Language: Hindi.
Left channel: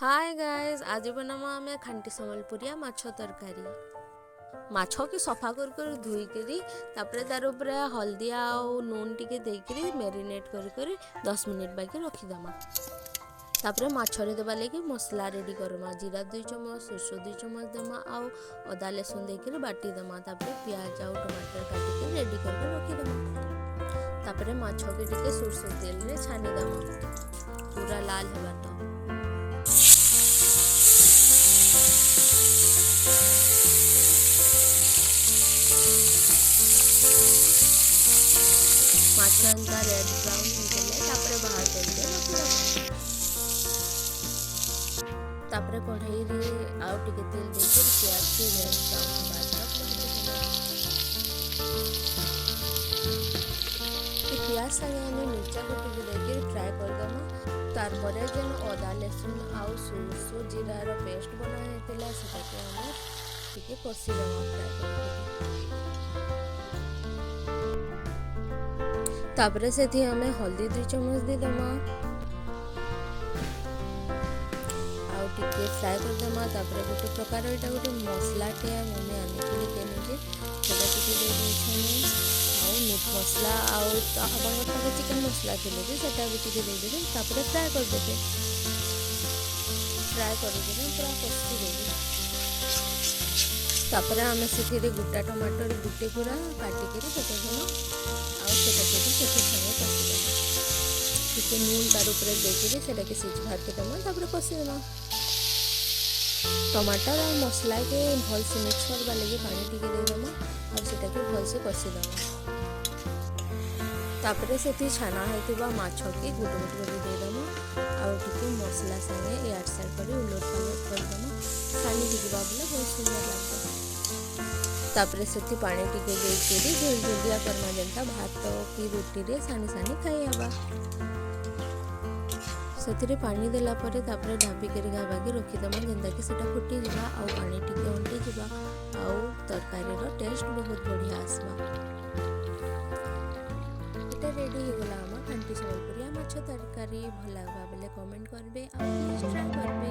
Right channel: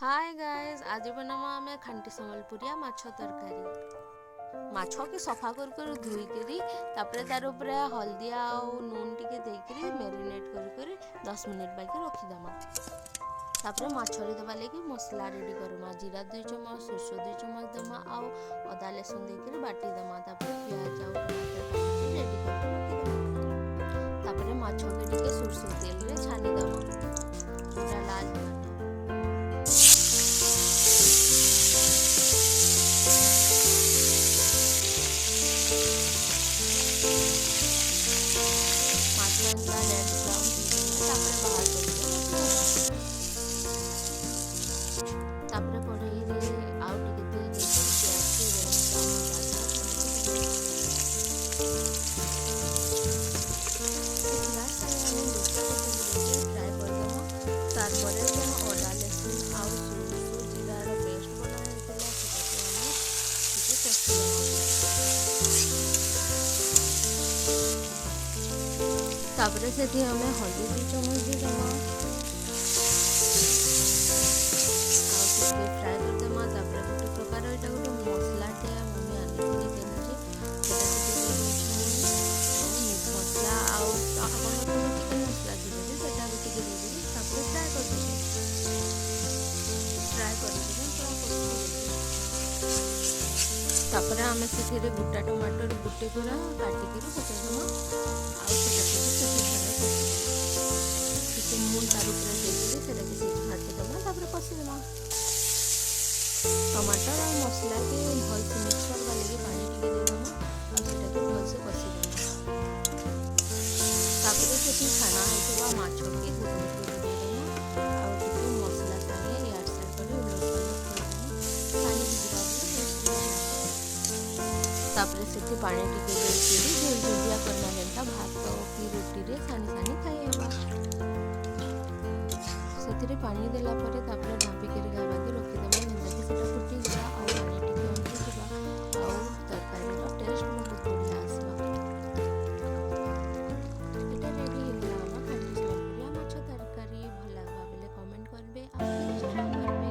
हाय गाइस, आज बनामा आमे खांटी संबलपुरिया माछ तरकारी। माछ के सफा कर धुई करी तापरे तार ऊपर हल्दी आउ नून टिके देकरी मैरिनेट कर 10 मिनिट बाकी रखी दमा। तापरे माछ रे देबा लेके मसला रेडी करमा। जीरा 2 चम्मच, सरसों 2 चम्मच दमा आउ अदा लहसुन देकरी बाटी दमा। तापरे प्याज आउ टमाटर काटी के रेडी करके रखी दमा। तापरे माछ के टिके सरसों तेल रे छानी दमा पूरा लाल होबा। माछ एंता रेड ब्राउन हो गले बाहर करके रखी। तापरे कढ़ाई रे आउ टिके तेल देके प्याज के रेड ब्राउन होबा तक भाजी देबा। प्याज संगे हमें मिर्चा को टिके देके फ्राई कर देमा। तार परे जेन अदा लहसुन आउ सरसों जीरा रो पेस्ट बना हेतिला सेटा को हमें टिके कसी देमा फ्राई कर। तापरे से हमें हल्दी 2 चम्मच दी देमा आउ टिके फ्राई कर देमा। तापरे गोटे प्रकार एटा गोटे मसला के मम्मी आनिथिले केनिके सेटा टिके दे देछन आउ मीट मसला आउ अपन के चिकन मसला थिले भी सेटा भी टिके दे देबे। तापरे फ्राई कर देबे पूरा कसी देबे। तापरे हमें से गुटा टमाटर गुटे पूरा काटी के सेटा देमा आउ सेटा से संगे कसी देमा। टिके नून तार ऊपर देके सेटा के सिझा के देमा। तापरे कसी देमा। टमाटर और मसला के भल से मिक्स करबा लगे पानी टिके दे देमा और सेटा के भल से कसी देमा। तापरे से छाना हेतिबा माछ के गुट गुट दे देमा और टिके मसला संगे एयर साइड पर उलट पलट कर देमा। छानी हिजबा बोले बहुत सुंदर लागता। तापरे से पानी टिके देके झोल झोलिया करमा जेनता भात की रोटी रे सानी सानी खाई हेबा। सेतिरे पानी देला परे तापरे ढापी के घाबा के रखी देमा जेनता कि सेटा फुटी जबा और पानी टिके अंटी जबा और तरकारी रो टेस्ट बहुत बढ़िया आसबा। एटा रेडी हो गला आमा खांटी संबलपुरिया माछ तरकारी। भल लागबा बेले कमेंट करबे और प्लीज ट्राई करबे।